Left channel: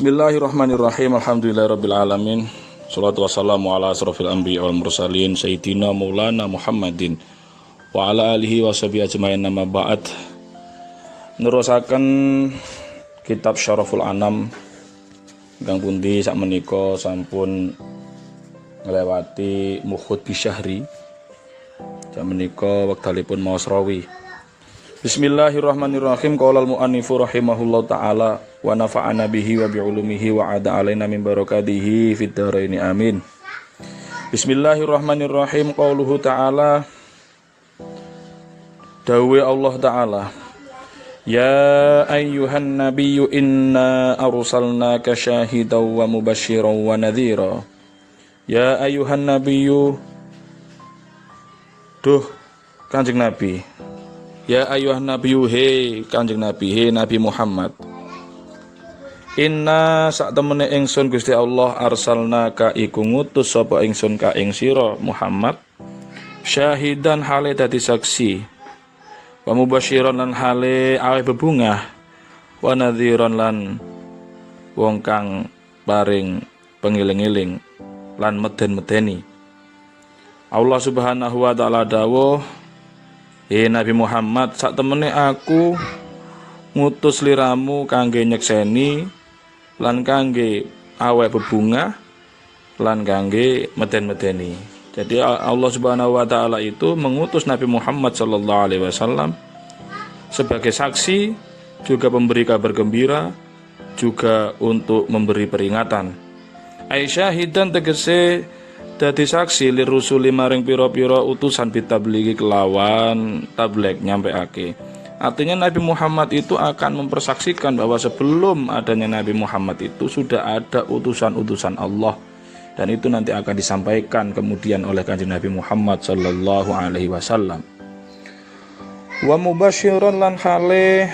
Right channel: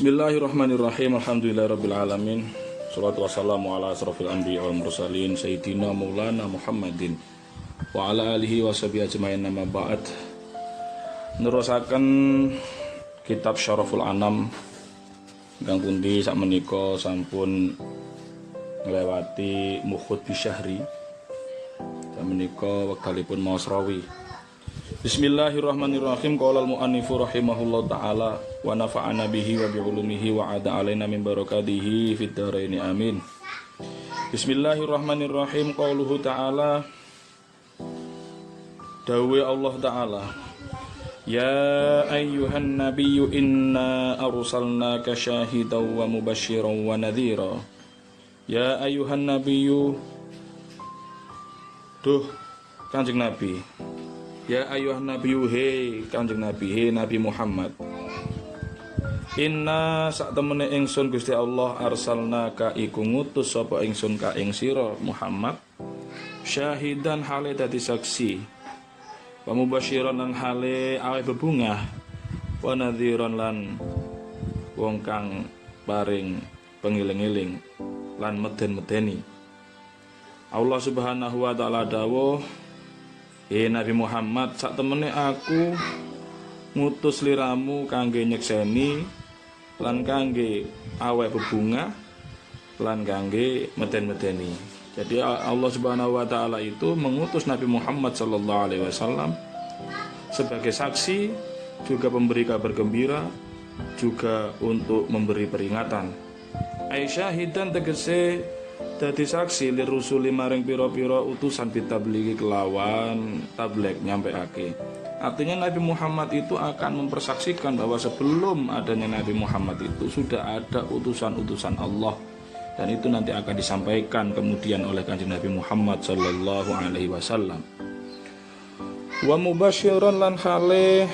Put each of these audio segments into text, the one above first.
Bismillahirrahmanirrahim. Alhamdulillahirabbil alamin. Shalatu wassalamu ala asrofil anbiya wal mursalin sayyidina maulana Muhammadin wa ala alihi washabihi ajmain. Nama ba'd. Nerusaken kitab Syaraful Anam ingkang pundi sakmenika sampun nglewati Mukhud bisyahri. Sakmenika wektalipun maos rawi. Bismillahirrahmanirrahim. Qala al-mu'annifu rahimahullahu ta'ala wa nafa'ana bihi wa bi'ulumihi wa ada alaina min barakatihi fid dharaini amin. Bismillahirrahmanirrahim. Qauluhu ta'ala, dawe Allah ta'ala, ya ayyuhan nabiyyu inna arsalnaka syahidan wa mubasysyiran wa nadhira. Ya ayyuhan nabiyyu, duh Kanjeng Nabi. Ya ayuhan nabiyyu, he Kanjeng Nabi, he Nabi Muhammad. Inna sak temene ingsun Gusti Allah arsalnaka iku ngutus sapa ingsun ka ing sira Muhammad syahidan hale dadi saksi, wa mubasyiran lan hale aweh bebungah, wa nadhiran lan wong kang paring pengiling-iling lan meden-medeni. Allah Subhanahu wa taala dawuh, Nabi Muhammad, sak temene aku ngutus liramu kangge nyekseni lan kangge awek bebungah lan kangge meden-medeni. Jadi Allah Subhanahu wa taala itu mengutus Nabi Muhammad sallallahu alaihi wasallam sebagai saksi, juga memberi kabar gembira, juga untuk memberi peringatan. Aisyahidan tegese dadi saksi lirusuli maring pira-pira utusan bitabligi kelawan tabligh nyampeake. Artinya Nabi Muhammad itu akan mempersaksikan bahwa sebelum adanya Nabi Muhammad itu sudah ada utusan-utusan Allah, dan itu nanti akan disampaikan kemudian oleh Kanjeng Nabi Muhammad sallallahu alaihi wasallam. Wa mubasyiran lan hale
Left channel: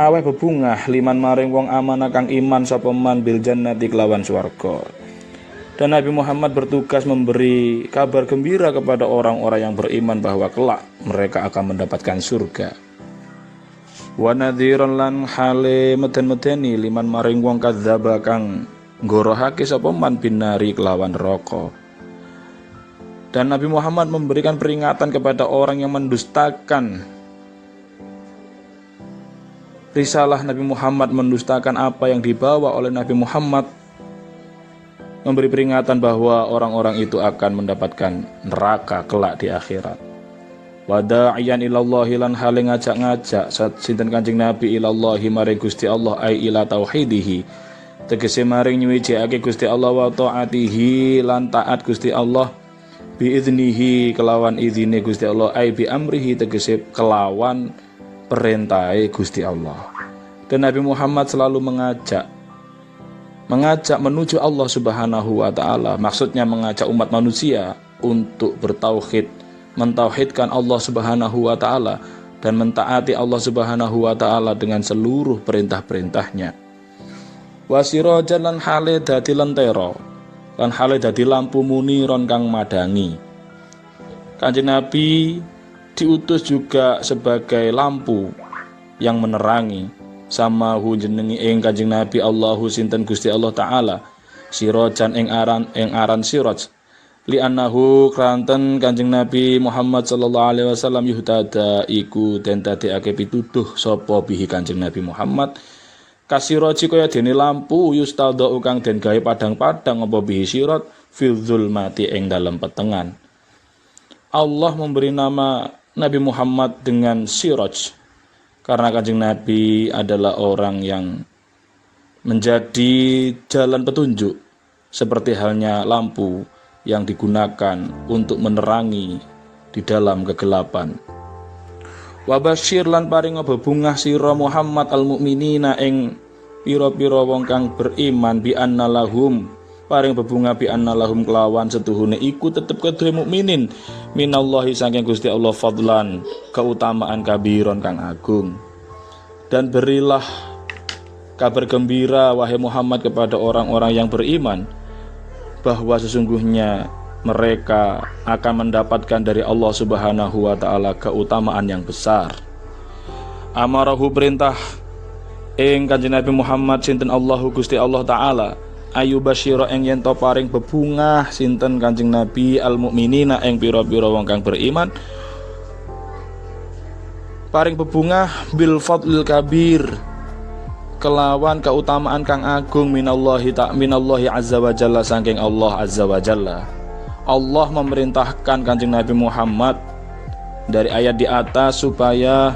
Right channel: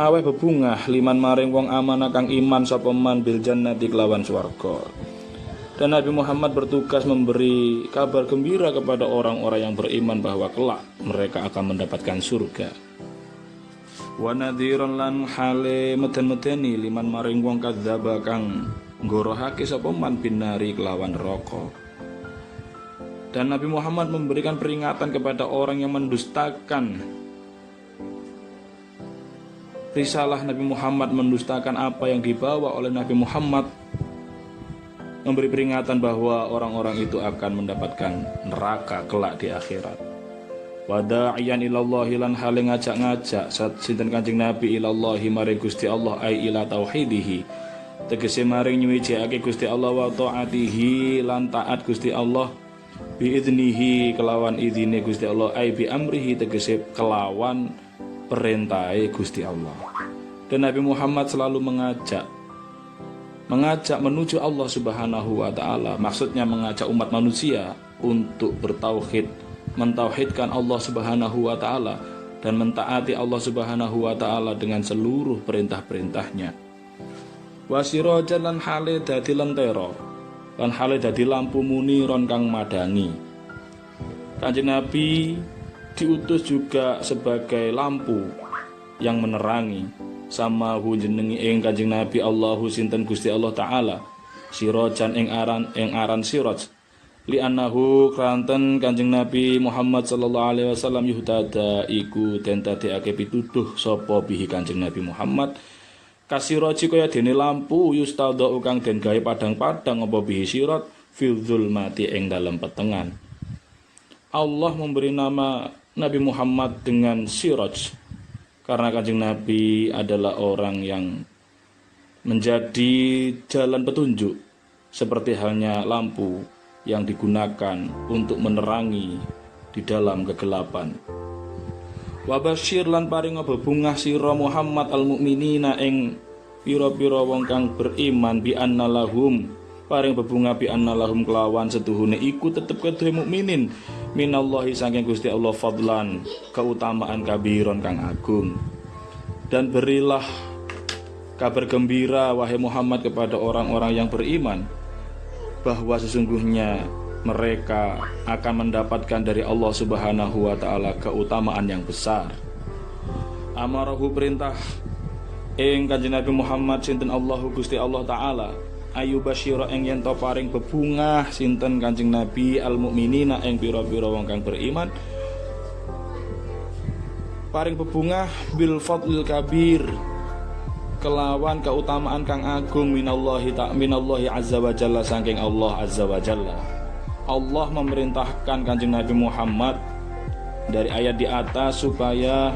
aweh bebungah liman maring wong amanah kang iman sapa man bil jannati kelawan swarga. Dan Nabi Muhammad bertugas memberi kabar gembira kepada orang-orang yang beriman bahwa kelak mereka akan mendapatkan surga. Wa nadhiran lan hale meden-medeni liman maring wong kadzdzaba kang nggorohake sapa man binari kelawan neraka. Dan Nabi Muhammad memberikan peringatan kepada orang yang mendustakan risalah Nabi Muhammad, mendustakan apa yang dibawa oleh Nabi Muhammad, memberi peringatan bahwa orang-orang itu akan mendapatkan neraka kelak di akhirat. Wada'iyan ilallahi lan hale ngajak-ngajak sinten Kanjeng Nabi ilallahi maring Gusti Allah ai ila tauhidihi, tegese maring nyuwijake Gusti Allah wa taatihi lan taat Gusti Allah biiznihi kelawan izine Gusti Allah ai bi amrihi tegese kelawan perintahe Gusti Allah. Dan Nabi Muhammad selalu mengajak menuju Allah Subhanahu wa taala, maksudnya mengajak umat manusia untuk bertauhid, mentauhidkan Allah Subhanahu wa taala dan mentaati Allah Subhanahu wa taala dengan seluruh perintah-perintahnya. Wasirajan lan hale dadi lentera, lan hale dadi lampu muniron kang madangi. Kanjeng Nabi diutus juga sebagai lampu yang menerangi. Sama jenengi ing Kanjeng Nabi Allahu sinten Gusti Allah taala sirajan ing aran siraj li annahu kranten Kanjeng Nabi Muhammad sallallahu alaihi wasallam yuhtada iku den dadekake pituduh sapa bihi Kanjeng Nabi Muhammad kasiraji kaya dene lampu yustadha kang den gawe padang-padang apa bihi sirat fil zulmati ing dalem petengan. Allah memberi nama Nabi Muhammad dengan siraj karena Kanjeng Nabi adalah orang yang menjadi jalan petunjuk, seperti halnya lampu yang digunakan untuk menerangi di dalam kegelapan. Wa basyir lan paring bebungah sira Muhammad al mukminina ing pira-pira wong kang beriman bi annalahum, paring bebungah bi annalahum kelawan setuhune iku tetep kedue mukminin minallahi saking Gusti Allah fadlan keutamaan kabiron kang agung. Dan berilah kabar gembira wahai Muhammad kepada orang-orang yang beriman bahwa sesungguhnya mereka akan mendapatkan dari Allah Subhanahu wa taala keutamaan yang besar. Amarahu perintah ing Kanjeng Nabi Muhammad sinten Allahu Gusti Allah taala ayu basyira ing yen to paring bebungah sinten Kanjeng Nabi al mukminina ing pira-pira wong kang beriman paring bebungah bil fadlil kabir kelawan keutamaan kang agung minallahi azza wa jalla saking Allah azza wa jalla. Allah memerintahkan Kanjeng Nabi Muhammad dari ayat di atas supaya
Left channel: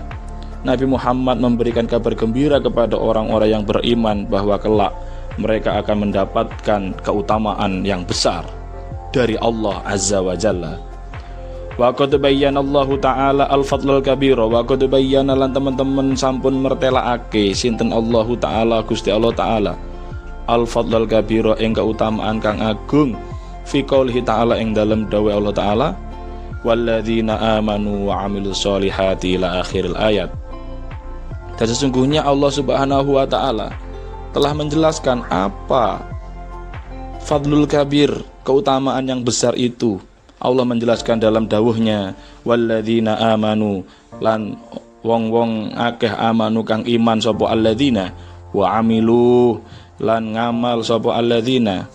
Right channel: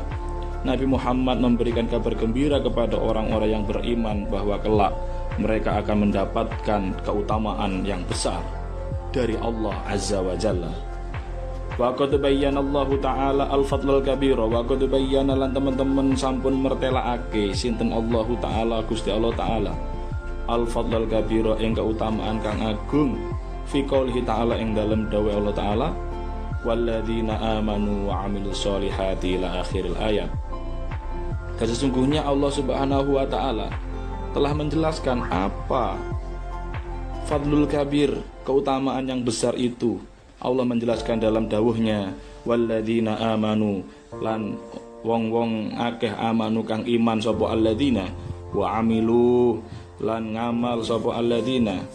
Nabi Muhammad memberikan kabar gembira kepada orang-orang yang beriman bahwa kelak mereka akan mendapatkan keutamaan yang besar dari Allah azza wa jalla. Wa qad bayyana Allah taala al-fadlul kabir wa qad bayyana lan teman-teman sampun mertelaake sinten Allah taala Gusti Allah taala al-fadlul kabir ing keutamaan kang agung fi qoulih taala ing dalem dawuh Allah taala walladzina amanu wa amilus solihati ila akhiril ayat. Dan sesungguhnya Allah Subhanahu wa taala telah menjelaskan apa fadlul kabir, keutamaan yang besar itu. Allah menjelaskan dalam dawuhnya walladzina amanu lan wong-wong akeh amanu kang iman sapa alladzina wa amilu lan ngamal sapa alladzina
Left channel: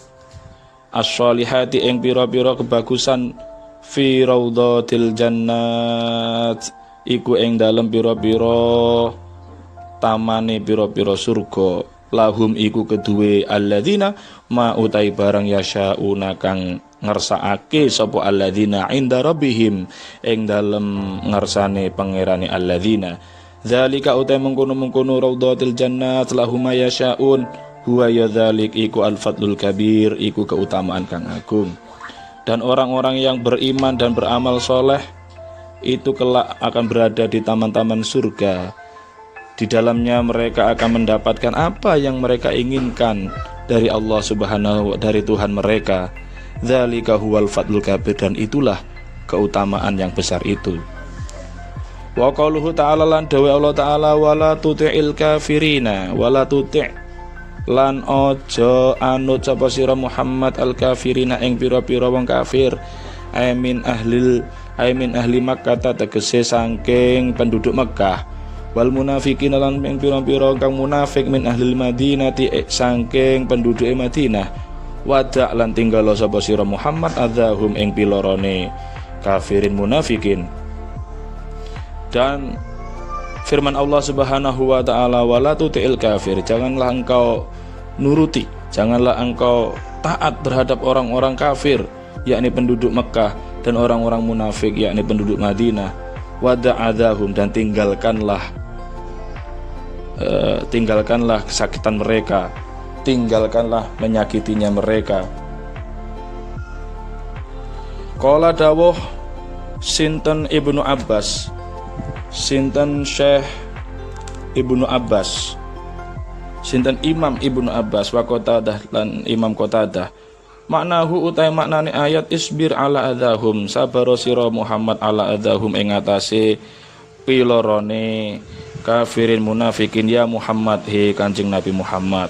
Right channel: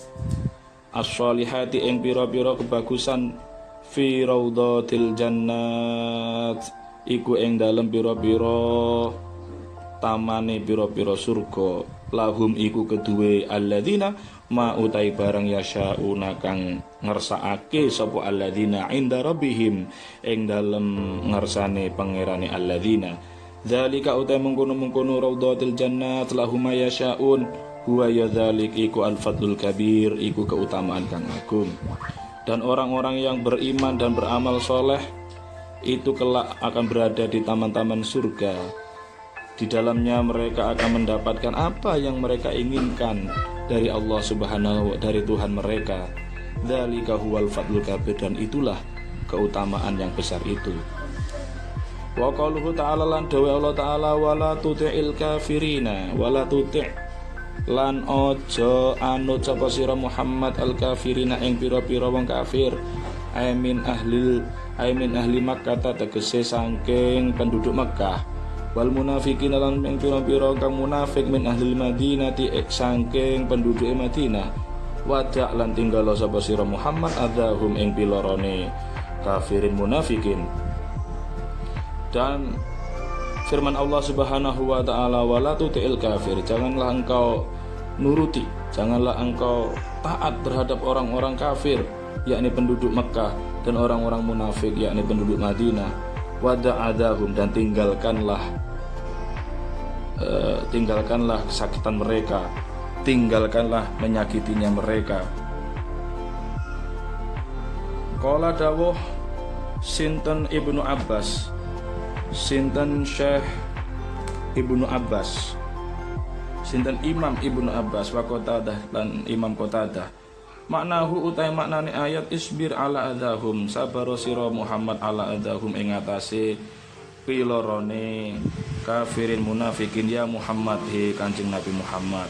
as-solihati ing pira-pira kebagusan fi raudhatil jannat iku ing dalem pira-pira tamane pira-pira surga lahum iku keduwe alladzina ma utai barang yasyauna kang ngersakake sapa alladzina inda rabbihim ing dalem ngersane pangerane alladzina zalika utai mengkono-mengkono raudhatil jannat lahum ma yasyaun huwa yadzalik iku al-fadlul kabir iku keutamaan kang agung. Dan orang-orang yang beriman dan beramal soleh itu kelak akan berada di taman-taman surga. Di dalamnya mereka akan mendapatkan apa yang mereka inginkan dari Allah Subhanahu dari Tuhan mereka. Dzalika huwal fadlul kabir dan itulah keutamaan yang besar itu. Wa qauluhu ta'ala lan dawe Allah taala wala tuti'il kafirina wala tuti' lan ojo anut sapa sira Muhammad al kafirina ing pira-pira wong kafir aimin ahli Makkah tegese saking penduduk Mekah wal munafikin lan ing pira-pira kang munafik min ahli Madinati saking penduduk Madinah wada lan tinggal sapa sira Muhammad adzahum ing pilorone kafirin munafikin. Dan firman Allah Subhanahu wa taala wala tuti'il kafir, janganlah engkau nuruti, janganlah engkau taat terhadap orang-orang kafir yakni penduduk Mekah dan orang-orang munafik yakni penduduk Madinah. Wada'adzahum dan tinggalkanlah kesakitan mereka, tinggalkanlah menyakitinya mereka. Qala dawuh sinten Ibnu Abbas, sinten Syekh Ibnu Abbas, sinten Imam Ibnu Abbas wa Qatadah lan Imam Qatadah, maknahu utai maknane ayat isbir ala adahum, sabaro sira Muhammad ala adahum ing atase pilorone kafirin munafikin ya Muhammad he Kanjeng Nabi Muhammad.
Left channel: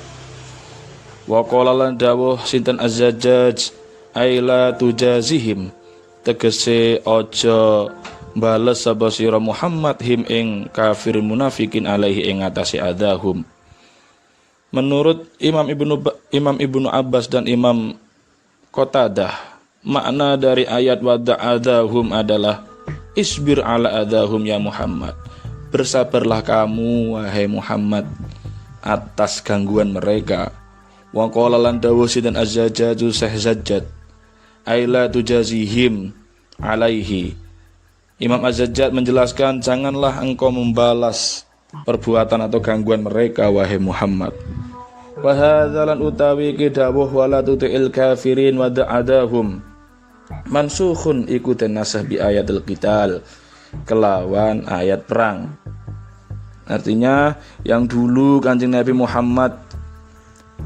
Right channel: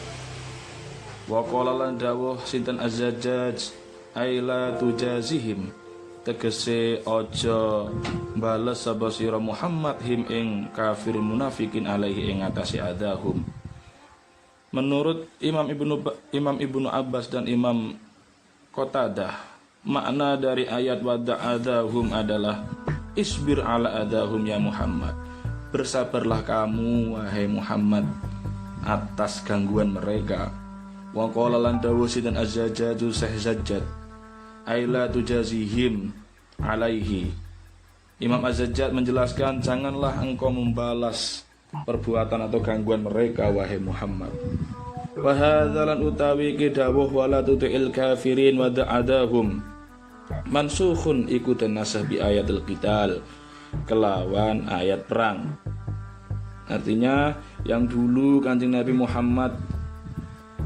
Wa qala lan dawuh sinten Az-Zajjaj aila tujazihim, tegese aja bales sapa sira Muhammad him ing kafirin munafikin alaihi ing atase adahum. Menurut Imam Ibnu Abbas dan Imam Qatadah, makna dari ayat wada'adahum adalah isbir ala adahum ya Muhammad, bersabarlah kamu wahai Muhammad atas gangguan mereka. Wa qala lan dawuh sinten Az-Zajjaju Syekh Zajjad aila tujazihim alaihi. Imam Az-Zajjad menjelaskan janganlah engkau membalas perbuatan atau gangguan mereka wahai Muhammad. Wa hadzalan utawi kidawuh wala tuti'il kafirin wa da'adahum mansukhun iku tenasah bi ayatul qital, kelawan ayat perang. Artinya yang dulu Kanjeng Nabi Muhammad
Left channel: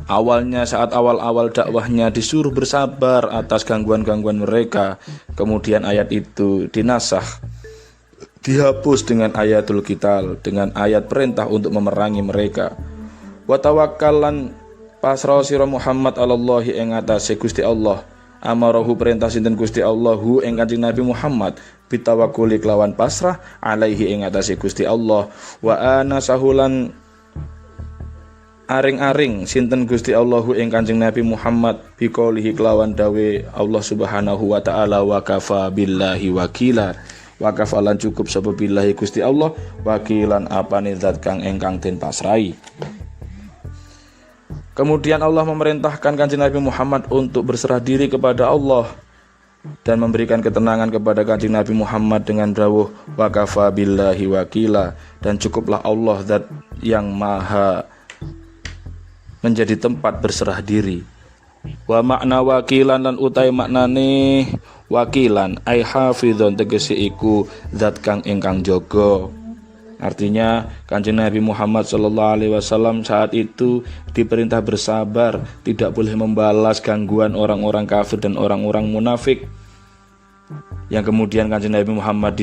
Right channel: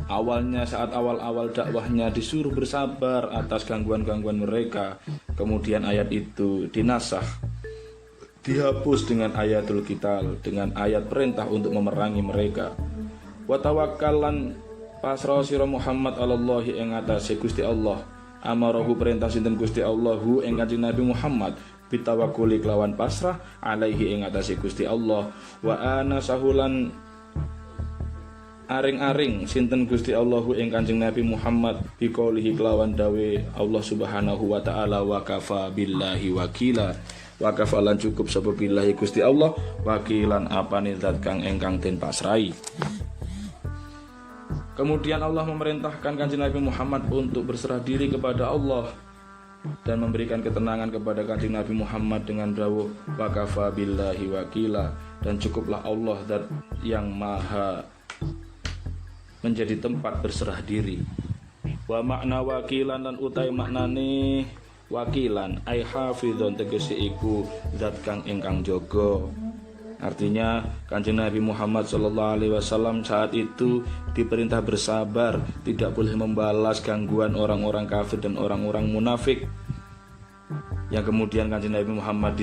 awalnya saat awal-awal dakwahnya disuruh bersabar atas gangguan-gangguan mereka, kemudian ayat itu dinasah, dihapus dengan ayatul qital, dengan ayat perintah untuk memerangi mereka. Wa tawakkalan pasrah sira Muhammad alallahi ing atase Gusti Allah, amarahu perintah sinten Gusti Allahu ing Kanjeng Nabi Muhammad bitawakkuli kelawan pasrah alaihi ing atase Gusti Allah. Wa ana sahulan aring-aring sinten Gusti Allahu ing Kanjeng Nabi Muhammad biqaulihi kelawan dawe Allah Subhanahu wa taala wa kafa billahi wakila. Wa kafa lan cukup sapa billahi Gusti Allah wakilan apane zat kang ingkang den pasrai. Kemudian Allah memerintahkan Kanjeng Nabi Muhammad untuk berserah diri kepada Allah dan memberikan ketenangan kepada Kanjeng Nabi Muhammad dengan dawuh wa kafa billahi wakila, dan cukuplah Allah zat yang maha menjadi tempat berserah diri. Wa makna wakilan lan utai maknane wakilan ai hafizun tegese iku zat kang ingkang jaga. Artinya Kanjeng Nabi Muhammad SAW saat itu diperintah bersabar, tidak boleh membalas gangguan orang-orang kafir dan orang-orang munafik. Yang kemudian Kanjeng Nabi Muhammad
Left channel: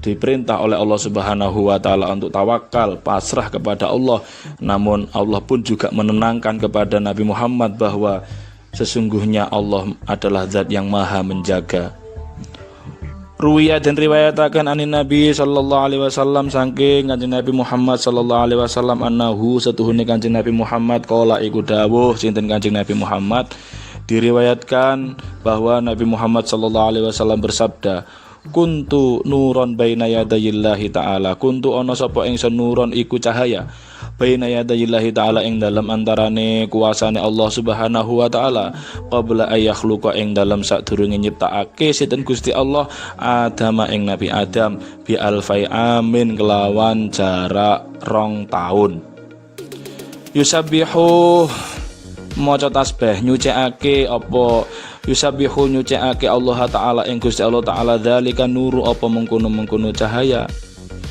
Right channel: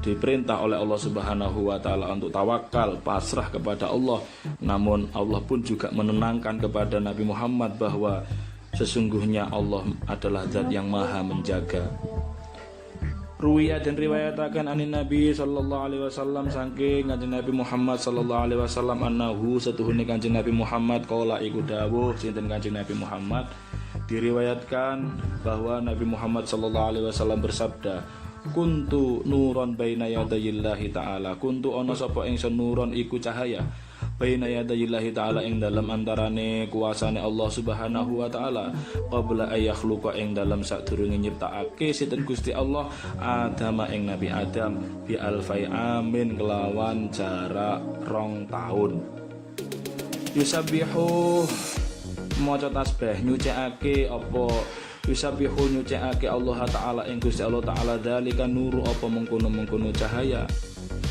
diperintah oleh Allah Subhanahu wa taala untuk tawakal, pasrah kepada Allah. Namun Allah pun juga menenangkan kepada Nabi Muhammad bahwa sesungguhnya Allah adalah zat yang maha menjaga. Ruwiyah dan riwayatakan anin Nabi sallallahu alaihi wasallam saking Kanjeng Nabi Muhammad sallallahu alaihi wasallam annahu setuhune Kanjeng Nabi Muhammad qala iku dawuh sinten Kanjeng Nabi Muhammad. Diriwayatkan bahwa Nabi Muhammad sallallahu alaihi wasallam bersabda, kuntu nuron baina yadayillahi ta'ala, kuntu ana sapa ingsun nuron iku cahaya baina yadayillahi ta'ala ing dalam antarane kuasane Allah Subhanahu wa taala qabla ayakhluqa ing dalam sadurunge nyiptakake sinten Gusti Allah Adam ing Nabi Adam bi alfai amin kelawan jarak 2 tahun. Yusabbihu maca tasbih nyucikake apa yusabbihu nyucikake Allah taala ing Gusti Allah taala dzalika nuru apa mengkono-mengkono cahaya,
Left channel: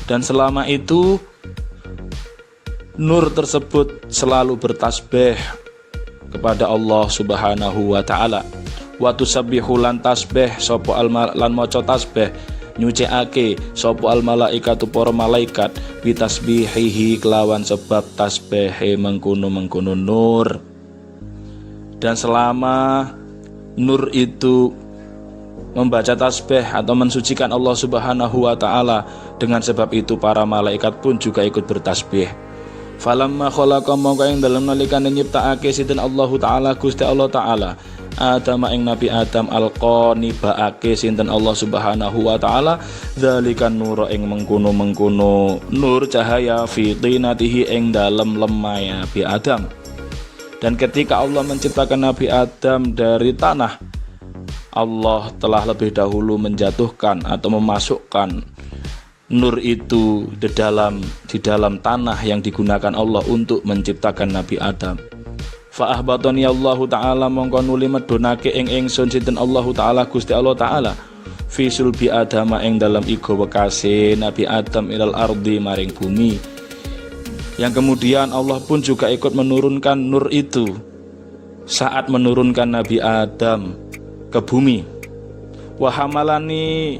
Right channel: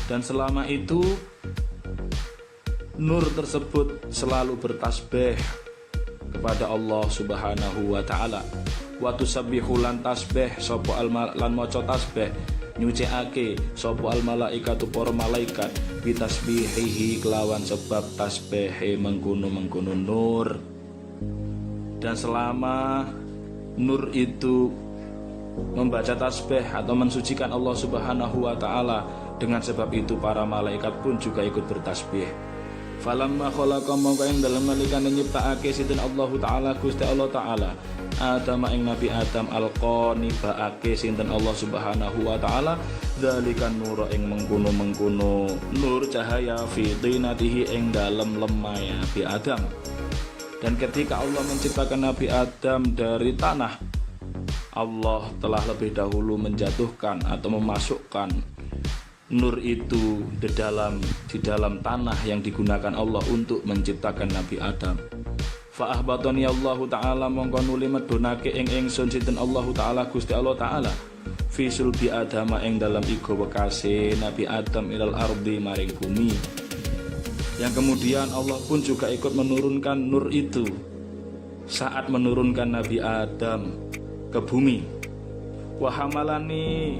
dan selama itu nur tersebut selalu bertasbih kepada Allah Subhanahu wa taala. Wa tusabbihu lan tasbih sapa lan maca tasbih nyucikake sapa al malaikatu para malaikat bitasbihihi kelawan sebab tasbihe mengkono-mengkono nur. Dan selama nur itu membaca tasbih atau mensucikan Allah Subhanahu wa taala, dengan sebab itu para malaikat pun juga ikut bertasbih. Falamma khalaqa mongko ing dalem nalikane nyiptakake sinten Allah taala Gusti Allah taala Adam ing Nabi Adam alqani baake sinten Allah Subhanahu wa taala dzalikan nur ing mengkono-mengkono nur cahaya fi tinatihi ing dalem lemah Nabi Adam. Dan ketika Allah menciptakan Nabi Adam dari tanah, Allah telah lebih dahulu menjatuhkan atau memasukkan nur itu di dalam tanah yang digunakan Allah untuk menciptakan Nabi Adam. Fa ahbatani Allah taala mongko nuli medhunake ing ingsun sinten Allah taala Gusti Allah taala fi sulbi Adam ing dalam igo wekase Nabi Adam ilal ardi maring bumi. Yang kemudian Allah pun juga ikut menurunkan nur itu saat menurunkan Nabi Adam ke bumi. Wa hamalani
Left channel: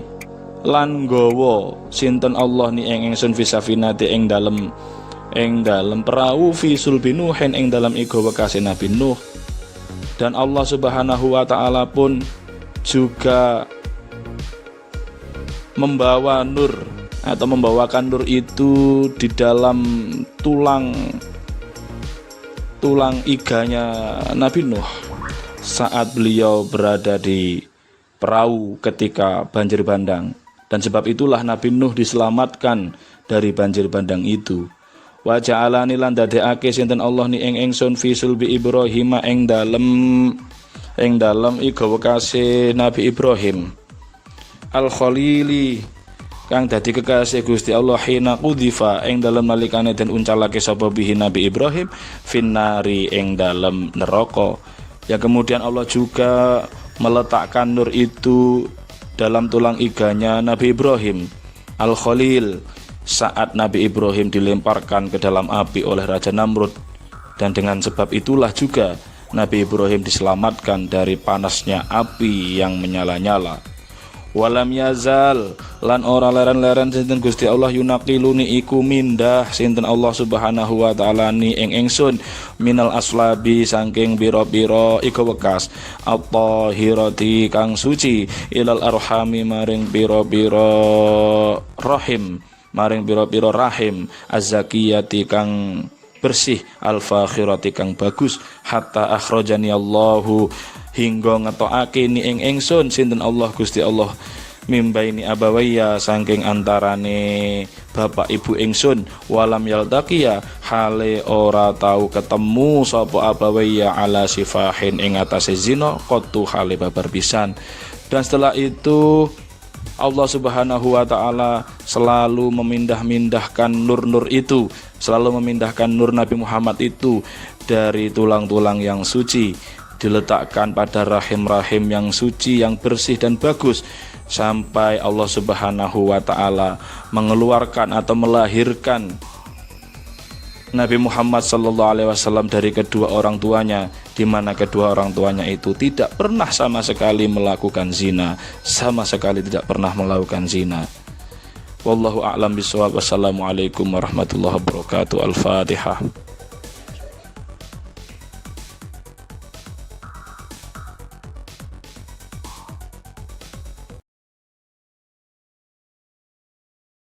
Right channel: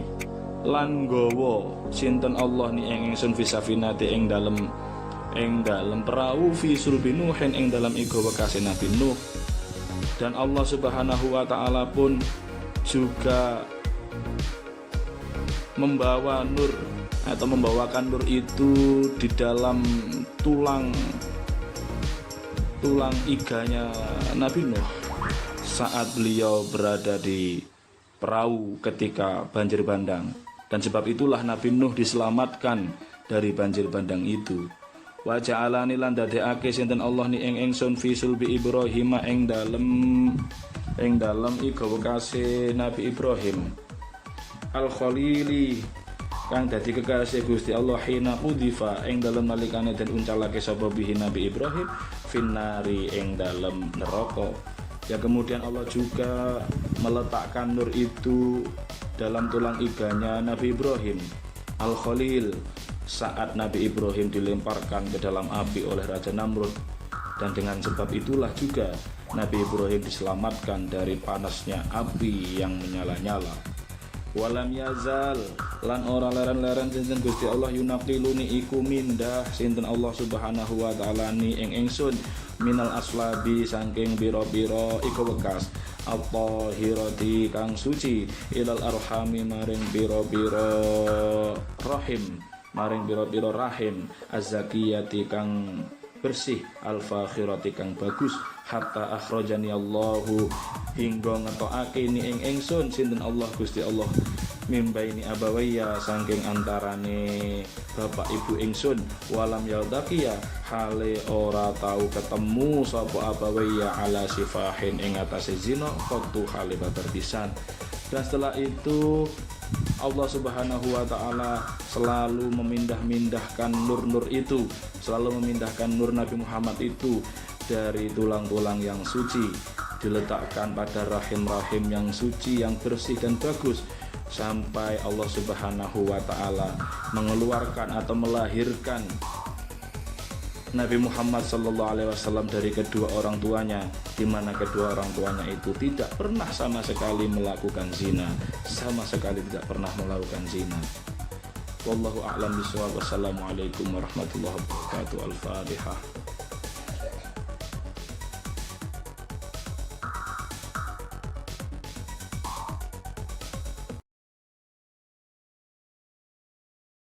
lan gowo sinten Allah ni ingsun fi safinati ing dalem perahu fi sulbi Nuhin ing dalem igo wekase Nabi Nuh. Dan Allah Subhanahu wa taala pun juga membawa nur atau membawakan nur itu di dalam tulang iganya Nabi Nuh saat beliau berada di perahu ketika banjir bandang. Dan sebab itulah Nabi Nuh diselamatkan dari banjir bandang itu. Wa ja'alani lan dadekake sinten Allah ni ing ingsun fi sulbi Ibrahim ing dalem iga wekase Nabi Ibrahim al khalili kang dadi kekasih Gusti Allah hina qudzifa ing dalem nalikane den uncalake sapa bihi Nabi Ibrahim finnari ing dalem neraka. Ya kemudian Allah juga meletakkan nur itu dalam tulang iganya Nabi Ibrahim Al-Khalil saat Nabi Ibrahim dilemparkan ke dalam api oleh Raja Namrud. Dan dengan sebab itulah juga Nabi Ibrahim diselamatkan dari panasnya api yang menyala-nyala. Walam yazal lan ora leren-leren sinten Gusti Allah yunaqiluni iku mindah sinten Allah Subhanahu wa taala ni ing ingsun minal aslabi saking biro-biro iku wekas at-tahirati kang suci ilal arhami maring biro-biro rahim az-zakiyati kang bersih al-fakhirati kang bagus hatta akhrajani Allahu hingga ngetokake ni ing ingsun sinten Allah Gusti Allah mimbaini abawaya saking antarane bapak ibu ingsun walam yaltaqiya hale ora tau ketemu sapa abawaya ala sifahin ing atase zina qattu hale babar pisan. Dan setelah itu Allah Subhanahu wa taala selalu memindahkan nur-nur itu, selalu memindahkan nur Nabi Muhammad itu dari tulang-tulang yang suci, diletakkan pada rahim-rahim yang suci, yang bersih dan bagus, sampai Allah Subhanahu wa taala mengeluarkan atau melahirkan Nabi Muhammad SAW dari kedua orang tuanya, di mana kedua orang tuanya itu tidak pernah sama sekali melakukan zina, sama sekali tidak pernah melakukan zina. Wallahu a'lam bishawab. Wassalamualaikum warahmatullahi wabarakatuh. Al-Fatihah.